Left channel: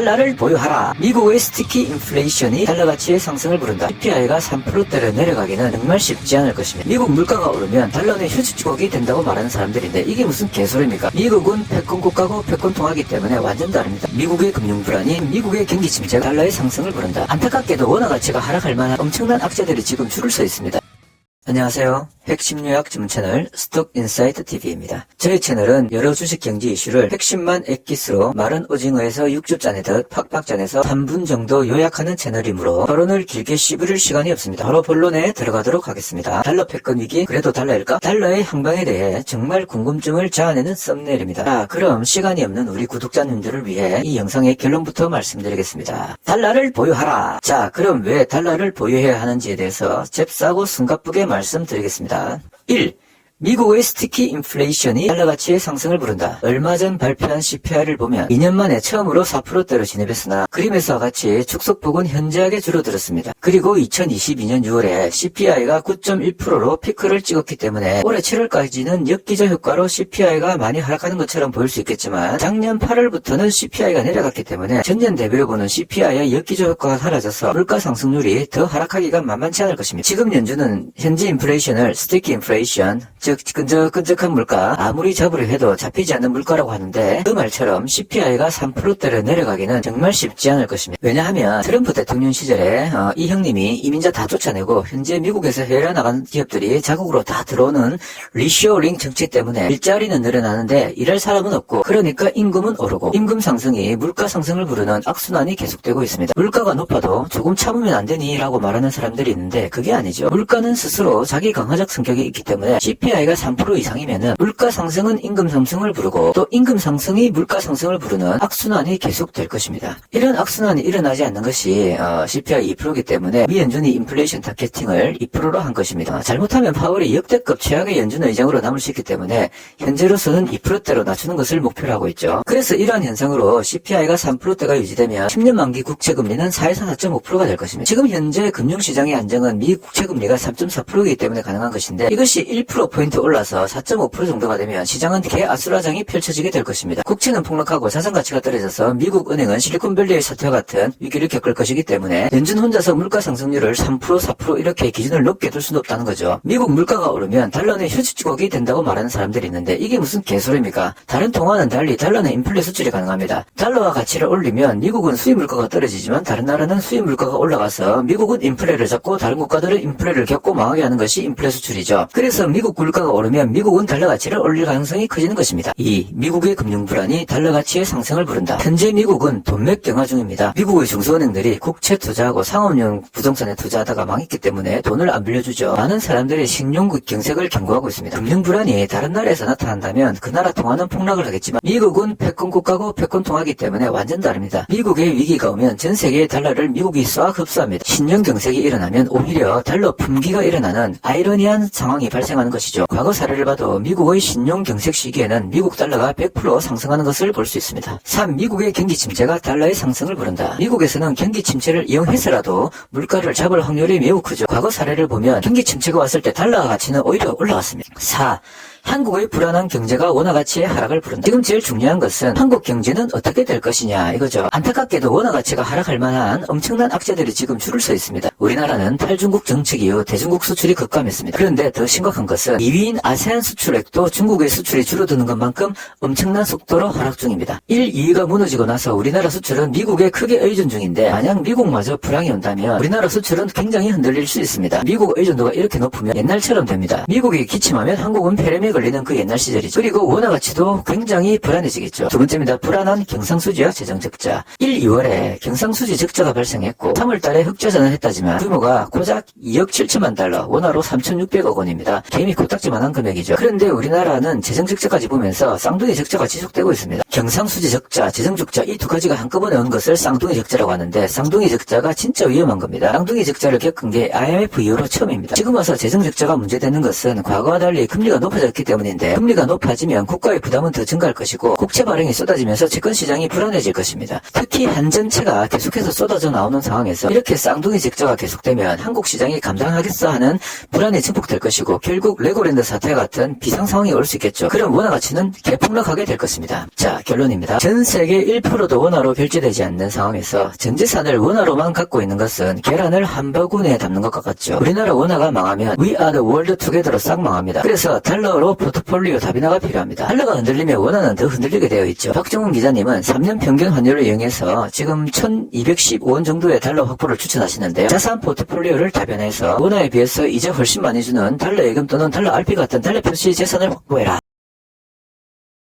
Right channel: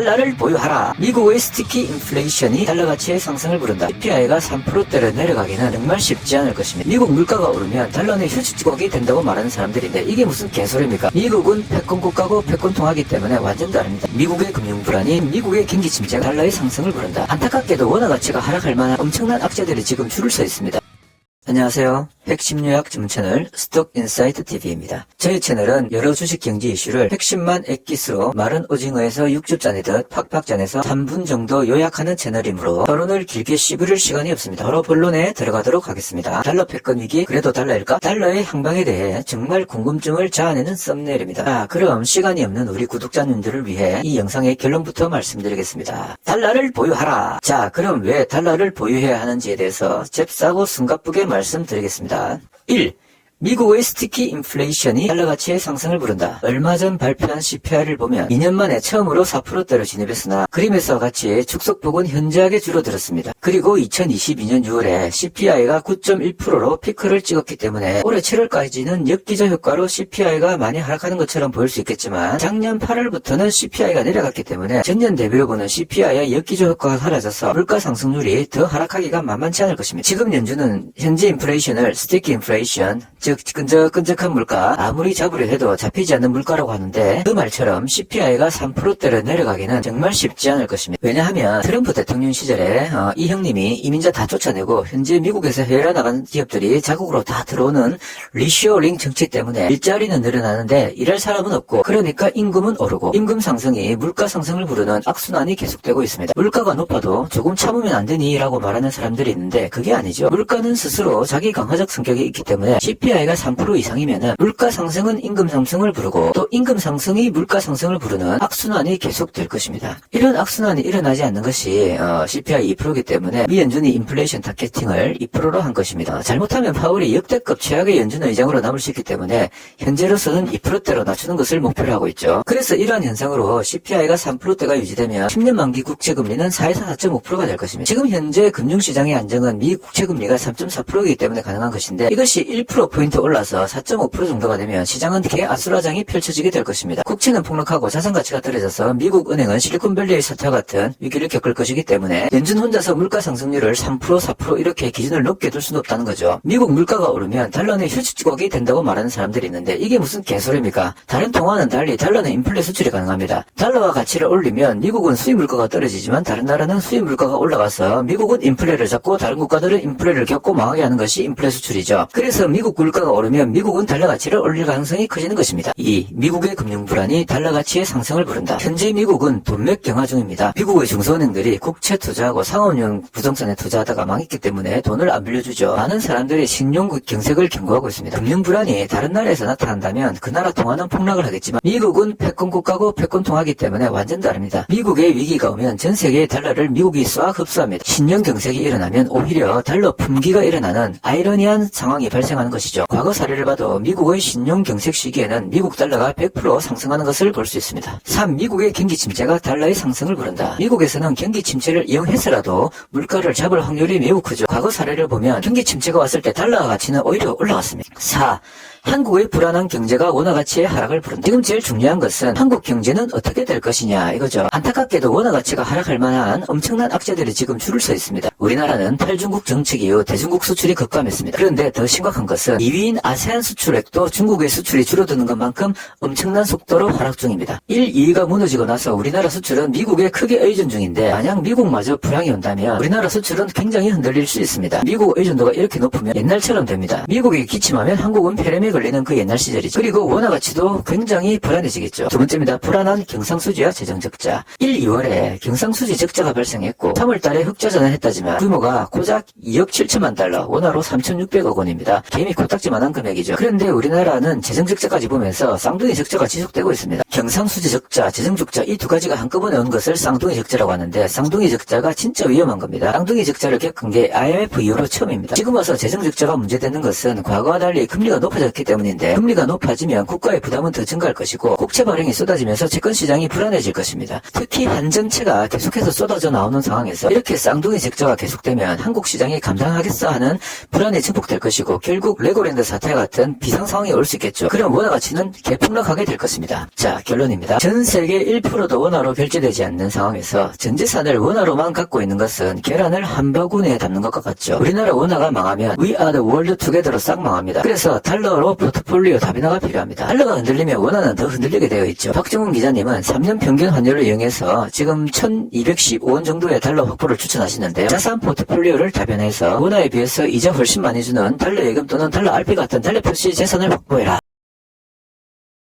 달러를 보유하라. 미국의 스티키 인플레이션이 달러 가치의 상승을 부른다. CPI가 3%대를 내려가기는 정말 쉽지 않을 것입니다. 미국 물가가 오르면 달러는 휴지주걱이 된다고 말하는 사람들인데 이게 무슨 개소리입니까? 미국은 패권 국가고 패권 통화기 때문에 완전 다릅니다. 미국의 금융 불안이 미국의 경기 침체가 달러의 상승을 부른다. 안타깝게도 원화 가치가 하락할 만한 엄청난 악재들이 지금 줄을 서 있습니다. 안녕하세요. 핵심 요약 전문 채널 스톡인사이트TV입니다. 저희 채널은 여러 주식 경제 이슈를 핵심만 액기스로 마른 오징어에서 육즙 짜내듯 팍팍 짜내서 3분 정도 요약하는 채널이므로 토론을 길게 씹으릴 시간이 없습니다. 바로 본론에 들어가도록 하겠습니다. 달러 패권 위기 그래도 달러일까? 달러의 향방에 대해 정말 궁금증을 자아내는 썸네일입니다. 자, 그럼 시간이 없는 우리 구독자님들을 위해 이 영상의 결론부터 말씀드리겠습니다. 달러를 보유하라. 자, 그럼 왜 달러를 보유해야 하는지에 대해서 잽싸고 숨가쁘게 말씀드리겠습니다. 1. 미국의 스티키 인플레이션이 달러 가치의 상승을 부른다. 얼마 전 발표한 CPI를 보면 2년 만에 처음으로 4%대로 진입했으나 그림에서와 같이 축소폭은 현저하게 줄어들었습니다. 그리고 2022년 6월에 CPI가 9.1%로 피크를 찍었기 때문에 올해 7월까지는 역기저 효과로 CPI가 많이 하락하는 것처럼 보일 수 있겠지만 작년 8월부터는 CPI가 내려갔기 때문에 전년 대비로 보는 CPI의 역기저 효과가 사라져서 물가 상승률이 더 하락하기가 만만치 않을 것입니다. 지금 연준은 현재 인플레이션을 스티키 인플레이션, 즉 끈적끈적한 물가, 아무리 잡으려 해도 잡히지 않는 물가라고 하는데 그 말처럼 CPI가 3%대를 내려가기는 정말 쉽지 않을 것입니다. 왜냐하면 트럼프 대통령 시절에 이 형님이 이민자 다 쫓아내고 현재 미국에서 해외로 나가는 기업들이 자국으로 다 들어오는 리쇼어링 정책 때문에 일자리는 늘어나는데 일할 사람은 없고 그러니까 임금은 오르고 임금 상승이 물가 상승을 부르는 악순환이 계속되고 있습니다. 물가가 높아도 조금 참으면 안 되니 라고 말하는 사람들이 있는데 그게 아니죠. 물가는 스스로 자기 강화적 성격이 있기 때문에 CPI가 3% 이상이면은 물가 상승은 임금 상승을 부르고 또 임금 상승이 물가 상승을 부르는 악순환이 계속될 것입니다. 이런 악순환이 일어나지 않는 것이 CPI 2%이기 때문에 미 연준이 인플레이션 타겟팅을 2%로 한 것입니다. 잘못하면 파월이 역대급 최악의 연준 의장으로 남을 수 있기 때문에 현재로서는 2%대로 낮추는 것을 목표로 하고 있죠. 그래서 이러한 현상으로 CPI가 3%대가 유지되면 10년 만기 국채금리는 4에서 4.5%가 될 것입니다. 지금 현재 금융시장의 안정은 미 국채금리가 3.4%이기 때문에 가능한 것인데 이것이 1%포인트 올라서 4.5% 정도가 되면 시장은 개아수라장이 펼쳐지게 될 것입니다. 국채는 폭락하고 자산가치가 떨어져서 미국 은행은 실리콘밸리의 사태와 같은 위기를 겪을 것이기 때문에 연준 혼자서 물가 상승률을 3%, 4% 이렇게 기준을 높게 둘 수는 없다는 거죠. 미국 물가가 오르면 달러는 휴지주걱이 된다고 말하는 사람들이 있는데 이게 무슨 개소리입니까? 다른 통화는 달리 달러는 인플레 수출이 가능합니다. 달러와 가치를 올리면 미국은 수입 물가가 떨어지지만 다른 나라는 수입 물가가 올라가서 미국은 인플레를 잡고 다른 국가들은 인플레를 겪고 망하게 하는 것이 인플레 수출이죠. 그래서 미국 물가가 오르면 미국은 달러 가치를 올릴 가능성이 커지는 것입니다. 2. 미국의 금융 불안이 달러 가치의 상승을 부른다. 현재 미국은 돈맥 경화 중입니다. 미국의 중소은행들이 국채 투자하고 상업용 부동산에 투자하다가 망했기 때문에 돈을 안 빌려주죠. 많은 사람들이 신용 경색을 경고하고 있습니다. 금융 불안이 다른 나라에서 나타난다면 그 나라 통화는 폭락을 하겠지만 미국은 패권 국가고 패권 통화기 때문에 완전 다릅니다. 미국의 위기가 오면 전 세계의 달러를 미국이 싹 흡수합니다. 신용 경색이 일어나면 오히려 달러 품귀가 일어나는 아이러니한 상황이 발생하는 것이죠. 과거 사례를 봐도 미국의 신용 경색 시기에는 미국 달러가 100% 상승하는 것을 볼 수 있습니다. 3. 미국의 경기 침체가 달러의 상승을 부른다. 미국에서는 경기 침체를 이용해서라도 물가를 잡을 확률이 매우 크죠. 과거 사례를 보면 경기 침체가 왔을 때 달러 가치는 오히려 올라갔습니다. 4. 한국의 불안한 경제가 원화 가치의 하락을 부른다. 지금 제일 중요한 것은 한국 경제는 어떻게 될 것이냐 이거죠. 안타깝게도 원화 가치가 하락할 만한 엄청난 악재들이 지금 줄을 서 있습니다. 우리나라는 탈중국 정책 이후 대중국 수출이 급감했습니다. 그런데 더 심각한 것은 2위인 아세안 수출액도 중국의 수출이 줄어드는 것만큼 엄청난 속도로 하락 중입니다. 1, 2위가 무너지고 나서 우리나라 수출은 미국에 크게 의존 중인데 만약 미국마저 불황이 온다면 우리나라 수출은 굉장히 흔들릴 수 있습니다. 미국 의존도가 이렇게 높으면 옛날처럼 됩니다. 미국이 기침하면 한국은 폐렴에 걸리는 그 옛날 시절이죠. 그리고 원화 가치도 굉장히 불안해지겠죠. 두 번째입니다. 불안한 경상수지와 재정적자. 1, 2월에 경상수지 적자가 발생했고 3월 달에 흑자전을 했다지만 규모가 고작 2억 7천만 달러, 원화로 3,600억 원입니다. 개미 코딱지만한 금액이죠. 그런데 우리나라는 재정적자까지 보면서 쌍둥이 적자가 지속되고 있습니다. 경상수지 적자, 재정적자 이 두 가지가 한꺼번에 온 것을 쌍둥이 적자라고 하는데 쌍둥이 적자가 진짜 위험한 겁니다. 쌍둥이 적자를 겪은 게 IMF 이후로 처음입니다. 지금 와서 재정적자가 문제되는 것은 과거와 달리 금리가 높아졌기 많기 때문인데 금리가 높아지면 국가의 부담은 더 증가할 것이고 국채 발행이 쏟아지면서 채권 시장이 불안해질 것입니다. 특히 한전채가 계속해서 쏟아져 나오는 상황에서 이렇게 쌍둥이 적자가 계속되면 한국 시장이 감당하겠어 하는 불안이 증폭될 것이고 결국 레고랜드 사태 같은 비상 상황이 올 수 있겠죠. 그럼 원화 가치는 개폭락하게 될 것입니다. 자, 결론입니다. 전 세계 1%도 원화로 결제되지 않는 상황에서 전 재산을 원화로만 갖고 있는 것은 계란을 한 바구니에 담는 것과 같죠. 우리나라 원화가 망하면 We are the world together로 싹 망합니다. 그래서 달러로 포트폴리오 다변화가 필요합니다. 달러가 흔들리면 원화는 더 흔들리게 되어 있죠. 박정훈 기자님은 3년 평균 환율을 이용해서 지금 1215원 정도의 달러 확보를 추천하시는데요. 자산 포트폴리오를 다변화해서 원화에 비해서 이자 훨씬 많이 주는 달러 예금 또는 달러 RP 같은 달러 표시 재산을 확보해라.